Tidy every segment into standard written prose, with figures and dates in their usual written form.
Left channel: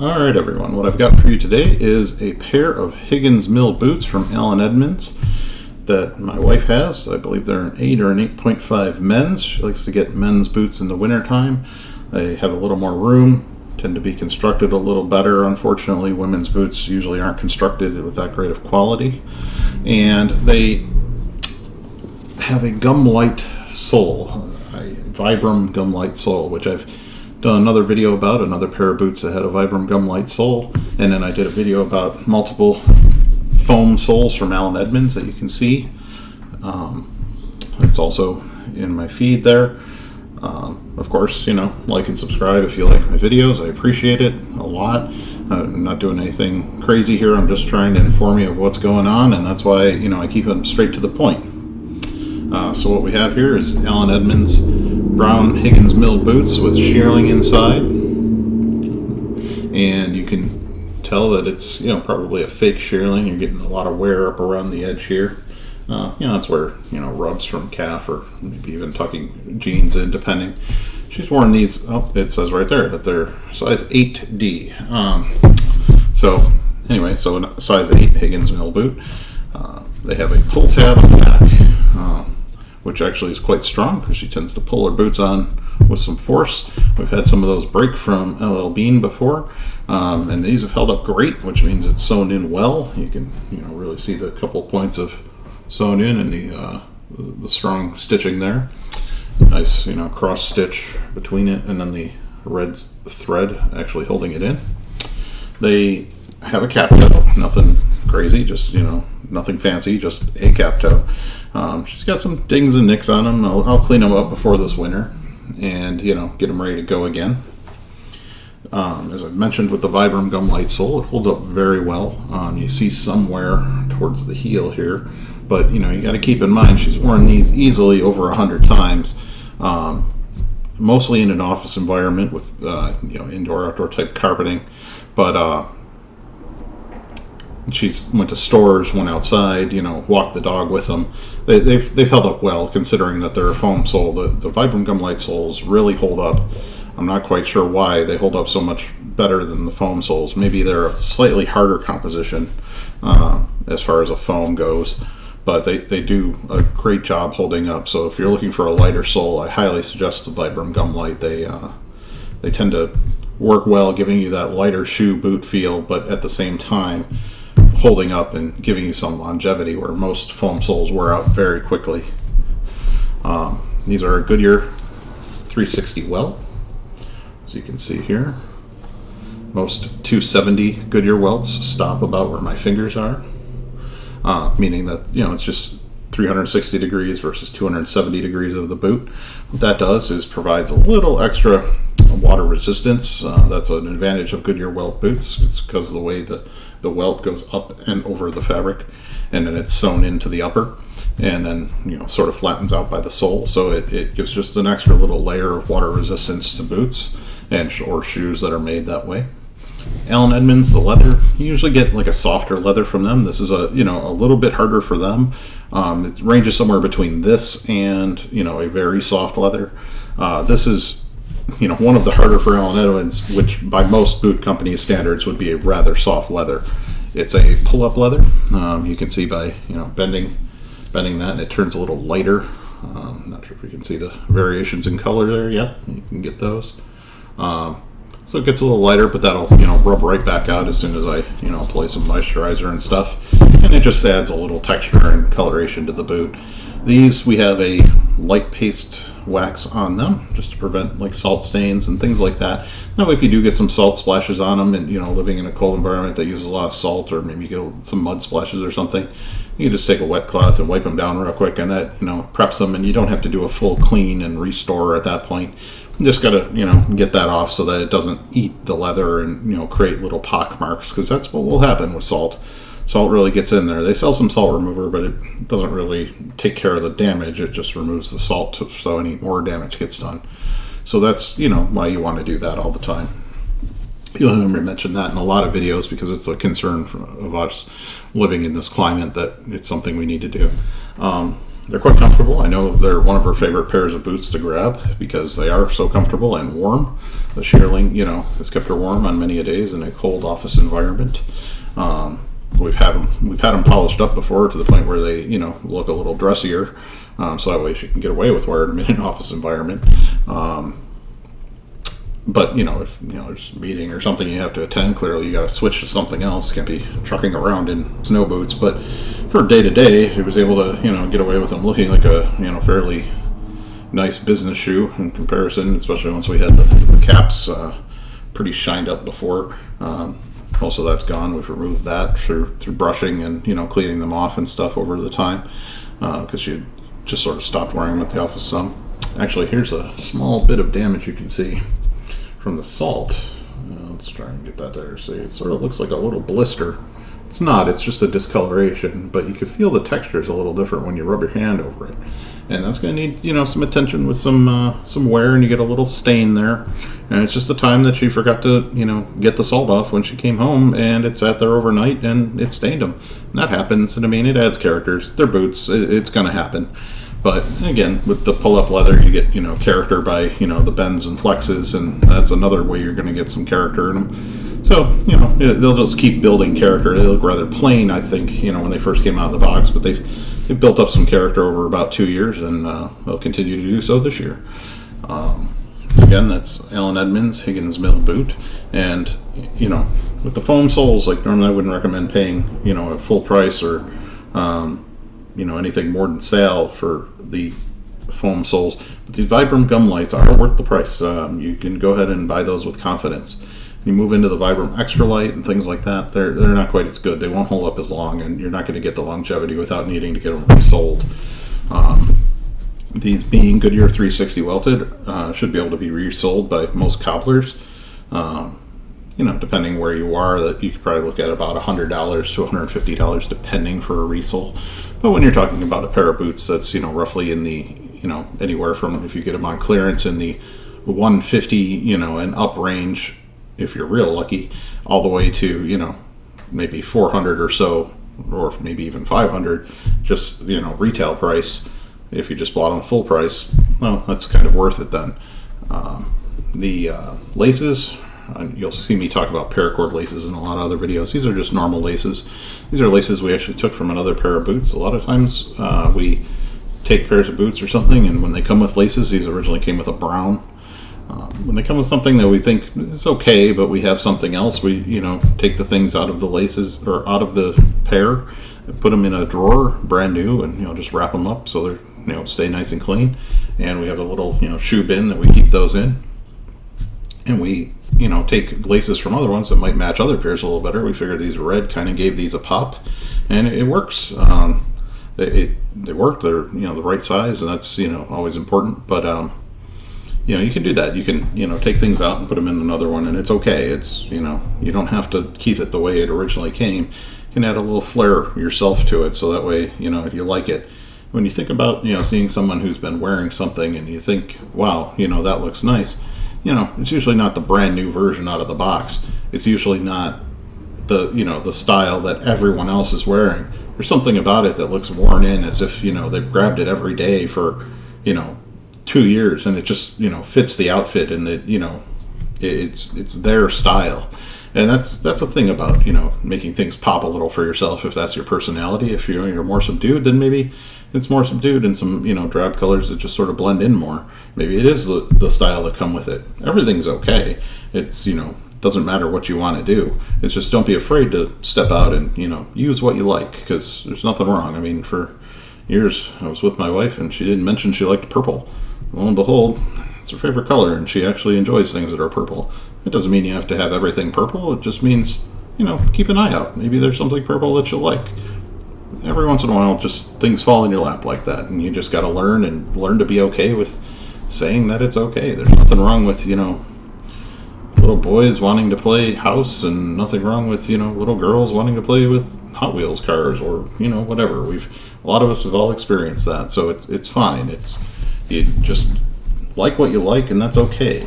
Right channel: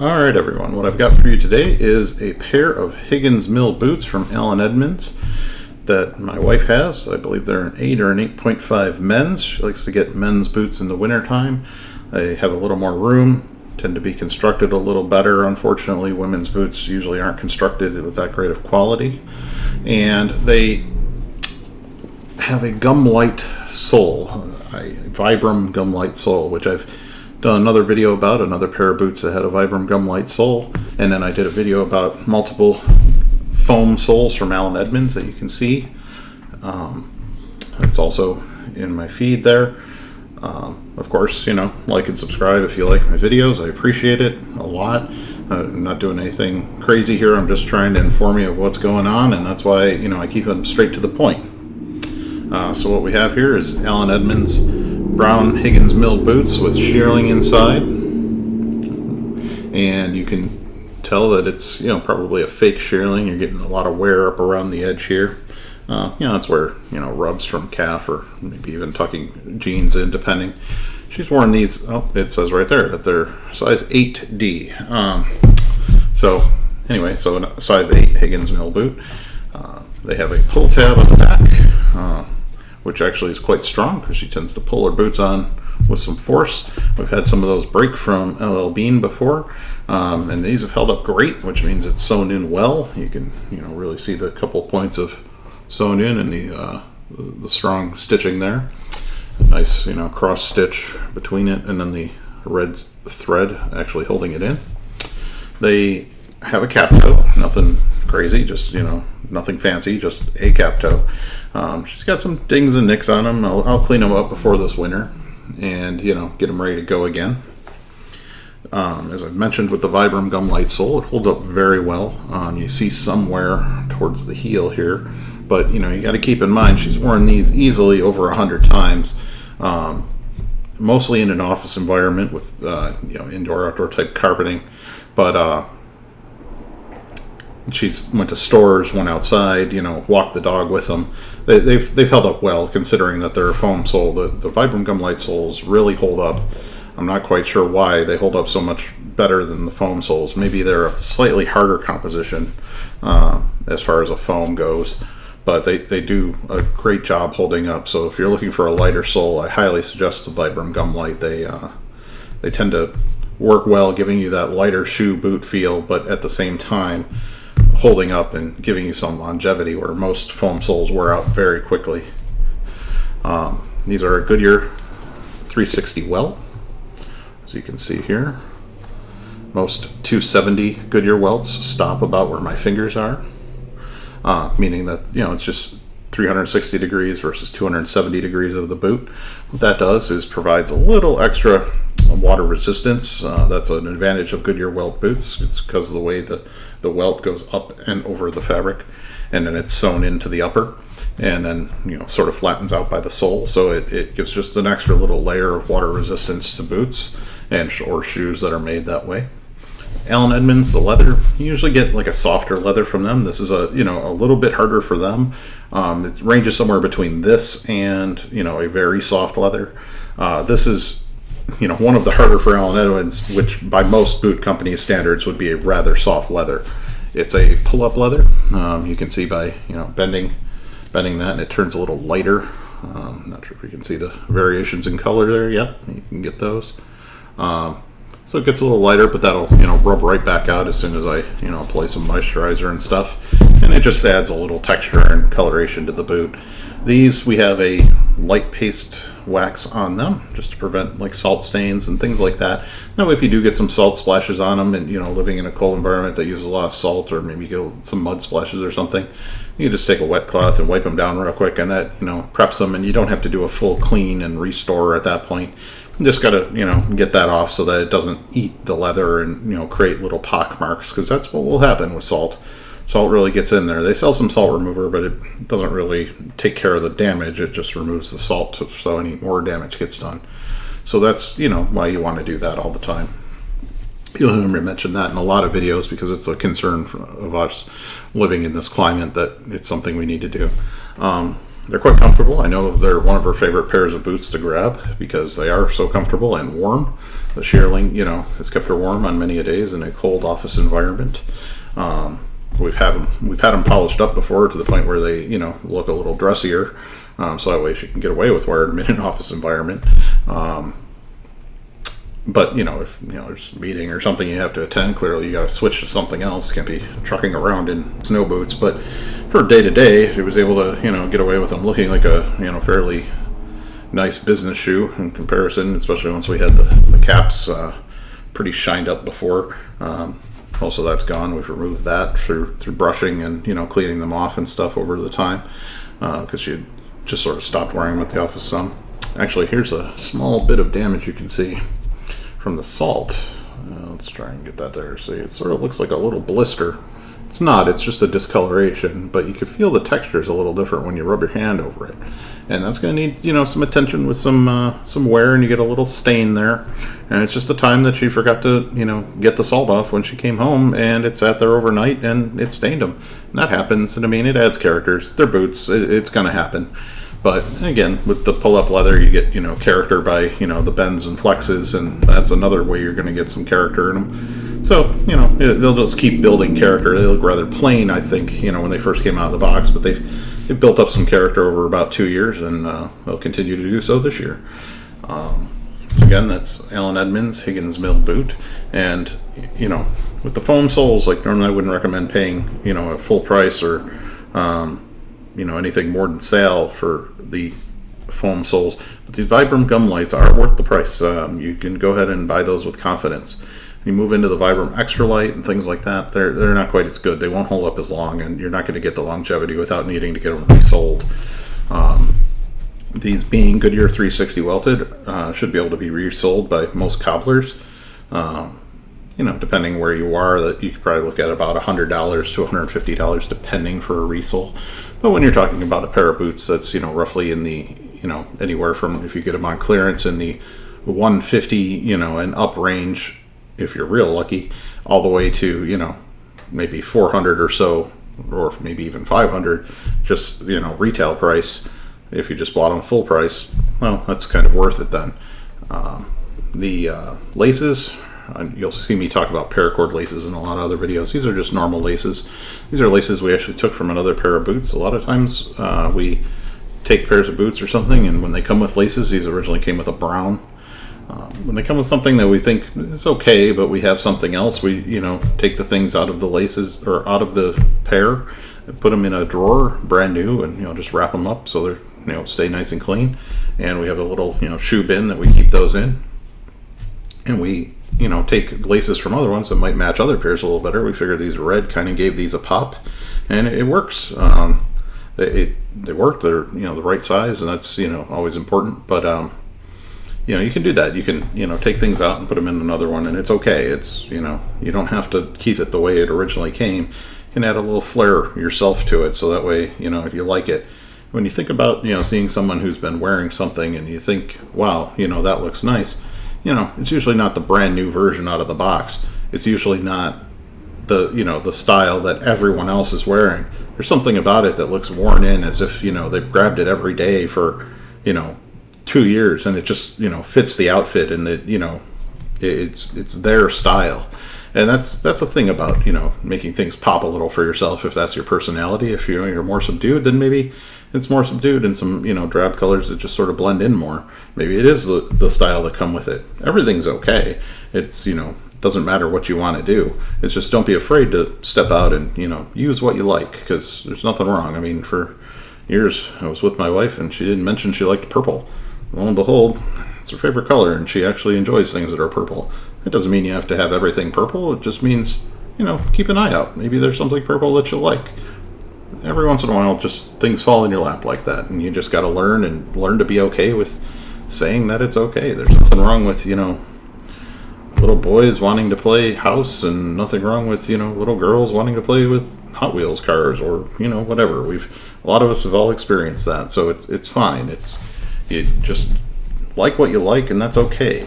Alright everyone, what I've got for you today is a pair of Higgins mill boots from Edmonds that my wife has. I believe they're an 8 or an 8.5 men's. She likes to get men's boots in the wintertime. They have a little more room, tend to be constructed a little better. Unfortunately, women's boots usually aren't constructed with that great of quality. And they have a Gumlite sole, a Vibram Gumlite sole, which I've done another video about, another pair of boots that had a Vibram Gumlite sole, and then I did a video about multiple foam soles from Edmonds that you can see. It's also in my feed there. Of course, like and subscribe if you like my videos. I appreciate it a lot. I'm not doing anything crazy here. I'm just trying to inform you of what's going on, and that's why I keep them straight to the point. So what we have here is Edmonds brown Higgins mill boots with shearling inside, and you can tell that it's probably a fake shearling. You're getting a lot of wear up around the edge here. That's where rubs from calf or maybe even tucking jeans in, depending. She's worn these. Oh, it says right there that they're size 8D. So anyway, so a size 8 Higgins mill boot. They have a pull tab on the back, which actually is quite strong because she tends to pull her boots on with some force. We've had some of those break from LL Bean before, and these have held up great, which means it's sewn in well. You can really see the couple points of sewn in and the strong stitching there. Nice cross stitch between it and then the red thread actually holding it in. They have a cap toe, nothing crazy, just nothing fancy, just a cap toe. She's got some dings and nicks on them. I'll clean them up before this winter and get them ready to go again. As I've mentioned with the Vibram Gumlite sole, it holds up very well. You see some wear towards the heel here, but you got to keep in mind she's worn these easily over 100 times, mostly in an office environment with indoor outdoor type carpeting, but she's went to stores, went outside, walked the dog with them. They've held up well, considering that they're a foam sole. The Vibram Gumlite soles really hold up. I'm not quite sure why they hold up so much better than the foam soles. Maybe they're a slightly harder composition as far as a foam goes, but they do a great job holding up. So if you're looking for a lighter sole, I highly suggest the Vibram Gumlite. They tend to work well, giving you that lighter shoe boot feel, but at the same time holding up and giving you some longevity where most foam soles wear out very quickly. These are a Goodyear 360 Welt, as you can see here. Most 270 Goodyear Welts stop about where my fingers are, meaning that it's just 360 degrees versus 270 degrees of the boot. What that does is provides a little extra water resistance. That's an advantage of Goodyear Welt boots. It's because of the way the welt goes up and over the fabric, and then it's sewn into the upper, and then sort of flattens out by the sole. So it gives just an extra little layer of water resistance to boots or shoes that are made that way. Edmonds, the leather, you usually get like a softer leather from them. This is a little bit harder for them. It ranges somewhere between this and a very soft leather. This is one of the harder for Edmonds, which by most boot companies' standards would be a rather soft leather. It's a pull-up leather. You can see by bending that, and it turns a little lighter. Not sure if you can see the variations in color there. Yep, you can get those. So it gets a little lighter, but that'll rub right back out as soon as I apply some moisturizer and stuff, and it just adds a little texture and coloration to the boot. These, we have a light paste wax on them just to prevent like salt stains and things like that. Now if you do get some salt splashes on them and living in a cold environment that uses a lot of salt, or maybe get some mud splashes or something, you can just take a wet cloth and wipe them down real quick, and that preps them, and you don't have to do a full clean and restore at that point. You just gotta get that off so that it doesn't eat the leather and create little pock marks, because that's what will happen with salt. Salt really gets in there. They sell some salt remover, but it doesn't really take care of the damage. It just removes the salt so any more damage gets done. So that's why you want to do that all the time. You'll hear me mention that in a lot of videos because it's a concern of us living in this climate that it's something we need to do. They're quite comfortable. I know they're one of her favorite pairs of boots to grab because they are so comfortable and warm. The Shearling, has kept her warm on many a days in a cold office environment. We've had them polished up before to the point where they, look a little dressier, so that way she can get away with wearing them in an office environment. But if there's a meeting or something you have to attend, clearly you got to switch to something else. Can't be trucking around in snow boots. But for day to day, she was able to get away with them looking like a fairly nice business shoe in comparison. Especially once we had the caps pretty shined up before. Also, that's gone. We've removed that through brushing and cleaning them off and stuff over the time because she had just sort of stopped wearing them at the office some. Actually, here's a small bit of damage you can see from the salt. Let's try and get that there. See, it sort of looks like a little blister. It's not, it's just a discoloration, but you can feel the texture is a little different when you rub your hand over it. And that's going to need, some attention with some wear, and you get a little stain there. And it's just a time that she forgot to, get the salt off when she came home, and it sat there overnight and it stained them. And that happens, and it adds characters. They're boots, it's going to happen. But again, with the pull-up leather, you get character by the bends and flexes, and that's another way you're going to get some character in them. So they'll just keep building character. They look rather plain, I think, when they first came out of the box, but they've built up some character over about 2 years, and they'll continue to do so this year. Again, that's Allen Edmonds Higgins Mill boot, and with the foam soles, like normally I wouldn't recommend paying a full price or anything more than sale for the foam soles. But these Vibram Gumlites are worth the price. You can go ahead and buy those with confidence. You move into the Vibram Extra Light and things like that, they're not quite as good. They won't hold up as long, and you're not going to get the longevity without needing to get them resold. These being Goodyear 360 welted, should be able to be resold by most cobblers. Depending where you are, that you could probably look at about $100 to $150 depending for a resole. But when you're talking about a pair of boots that's roughly in the anywhere from, if you get them on clearance, in the 150 and up range, if you're real lucky, all the way to maybe 400 or so, or maybe even 500, just retail price. If you just bought them full price, well, that's kind of worth it then. The laces, you'll see me talk about paracord laces in a lot of other videos. These are just normal laces. These are laces we actually took from another pair of boots. A lot of times we take pairs of boots or something, and when they come with laces, these originally came with a brown. When they come with something that we think is okay, but we have something else, we take the things out of the laces or out of the pair, and put them in a drawer, brand new, and just wrap them up so they're stay nice and clean. And we have a little shoe bin that we keep those in, and we take laces from other ones that might match other pairs a little better. We figured these red kind of gave these a pop, and it works. They work. They're the right size, and that's always important. But you can do that. You can take things out and put them in another one, and it's okay. It's you don't have to keep it the way it originally came. You can add a little flair yourself to it, so that way you like it. When you think about seeing someone who's been wearing something and you think, wow, that looks nice. It's usually not the brand new version out of the box. It's usually not the style that everyone else is wearing. There's something about it that looks worn in, as if they've grabbed it every day for 2 years, and it just fits the outfit, and it's their style. And that's a thing about making things pop a little for yourself. If that's your personality, if you're more subdued, then maybe it's more subdued, and some drab colors that just sort of blend in more. Maybe it is the style that come with it. Everything's okay. It's doesn't matter what you want to do. It's just don't be afraid to step out and use what you like, because there's nothing wrong. I mean, for years I was with my wife, and she didn't mention she liked purple. Lo and behold, it's her favorite color, and she actually enjoys things that are purple. It doesn't mean you have to have everything purple. It just means keep an eye out. Maybe there's something purple that you like. Every once in a while, just things fall in your lap like that, and you just got to learn to be okay with saying that it's okay. There's nothing wrong with little boys wanting to play house, and nothing wrong with little girls wanting to play with Hot Wheels cars, or whatever. A lot of us have all experienced that, so it's fine. You just like what you like, and that's okay.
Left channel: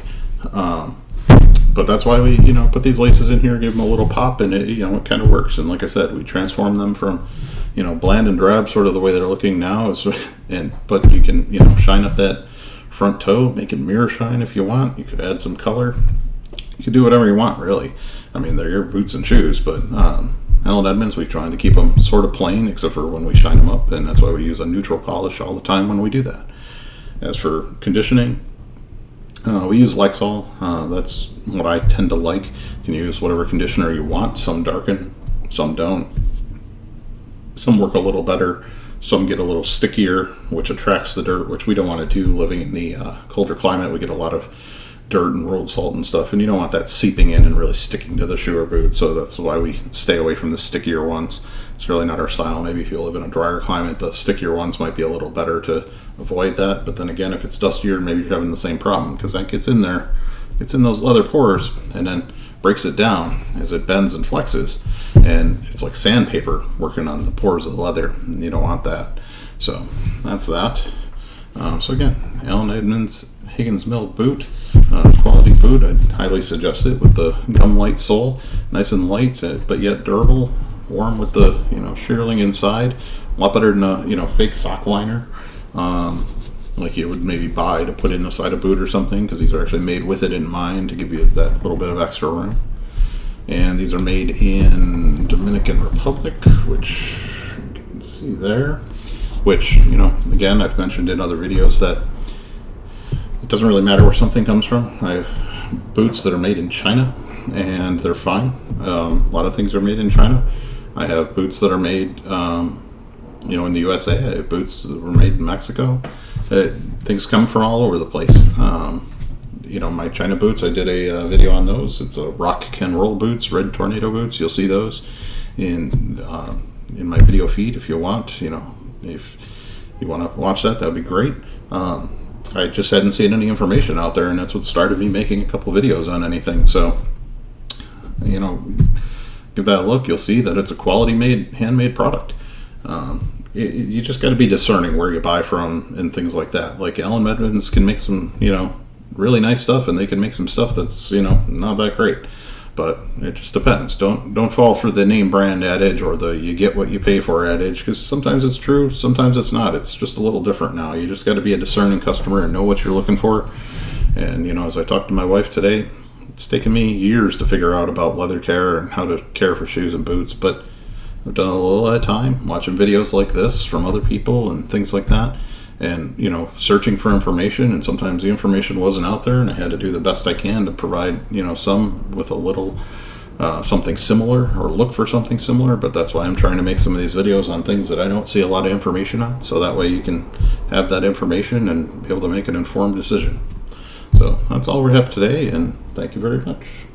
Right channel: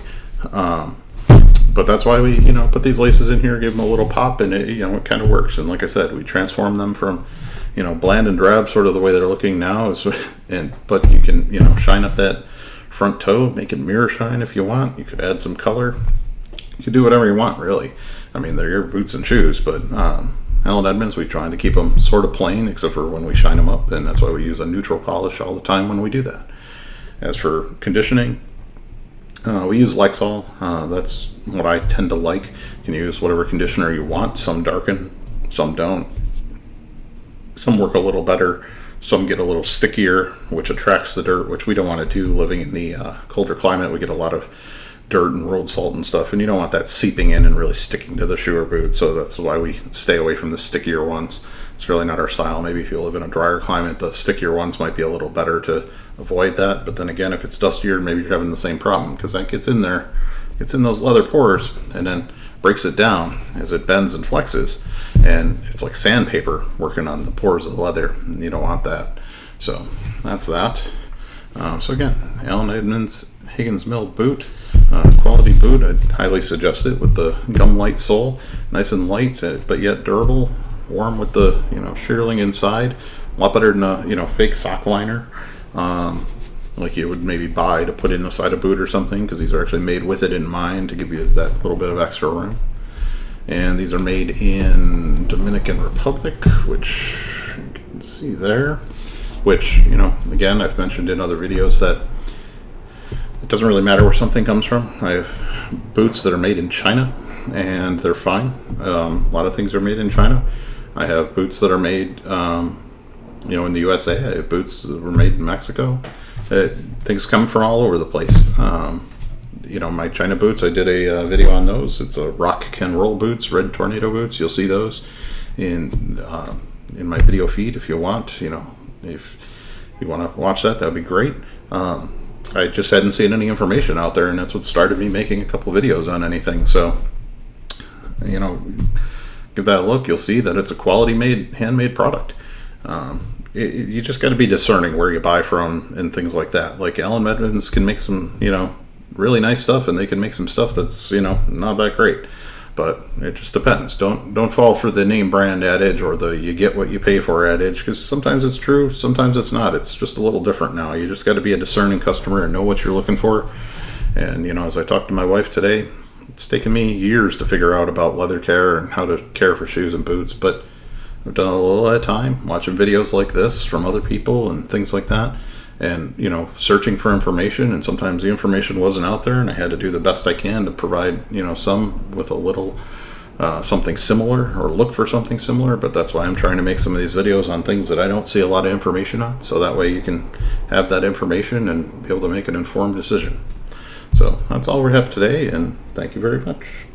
But that's why we put these laces in here, give them a little pop, and it kind of works. And like I said, we transform them from bland and drab, sort of the way they're looking now. But you can, shine up that front toe, make it mirror shine if you want. You could add some color. You can do whatever you want, really. I mean, they're your boots and shoes, but Allen Edmonds, we're trying to keep them sort of plain, except for when we shine them up, and that's why we use a neutral polish all the time when we do that. As for conditioning, we use Lexol. That's what I tend to like. You can use whatever conditioner you want. Some darken, some don't. Some work a little better. Some get a little stickier, which attracts the dirt, which we don't want to do living in the colder climate. We get a lot of dirt and road salt and stuff, and you don't want that seeping in and really sticking to the shoe or boot, so that's why we stay away from the stickier ones. It's really not our style. Maybe if you live in a drier climate, the stickier ones might be a little better to avoid that, but then again, if it's dustier, maybe you're having the same problem, because that gets in there, gets in those leather pores, and then breaks it down as it bends and flexes, and it's like sandpaper working on the pores of the leather, and you don't want that. So that's that. So again, Allen Edmonds Higgins Mill boot, quality boot. I'd highly suggest it with the Gumlite sole, nice and light, but yet durable, warm with the shearling inside. A lot better than a fake sock liner, like you would maybe buy to put inside a boot or something, because these are actually made with it in mind to give you that little bit of extra room. And these are made in Dominican Republic, which you can see there. Which, again, I've mentioned in other videos that it doesn't really matter where something comes from. I have boots that are made in China, and they're fine. A lot of things are made in China. I have boots that are made, in the USA. I have boots that were made in Mexico. Things come from all over the place. My China boots, I did a video on those. It's a Rock Can Roll boots, red tornado boots. You'll see those in my video feed if you want. If you want to watch that would be great. I just hadn't seen any information out there, and that's what started me making a couple videos on anything. So, give that a look. You'll see that it's a quality handmade product. You just got to be discerning where you buy from and things like that. Like Allen Edmonds can make some, really nice stuff, and they can make some stuff that's, not that great. But it just depends. Don't fall for the name brand adage or the you get what you pay for adage, because sometimes it's true, sometimes it's not. It's just a little different now. You just got to be a discerning customer and know what you're looking for. And, as I talked to my wife today, it's taken me years to figure out about leather care and how to care for shoes and boots. But I've done a little at a time, watching videos like this from other people and things like that. And, searching for information, and sometimes the information wasn't out there, and I had to do the best I can to provide, some with a little something similar, or look for something similar. But that's why I'm trying to make some of these videos on things that I don't see a lot of information on, so that way you can have that information and be able to make an informed decision. So that's all we have today, and thank you very much.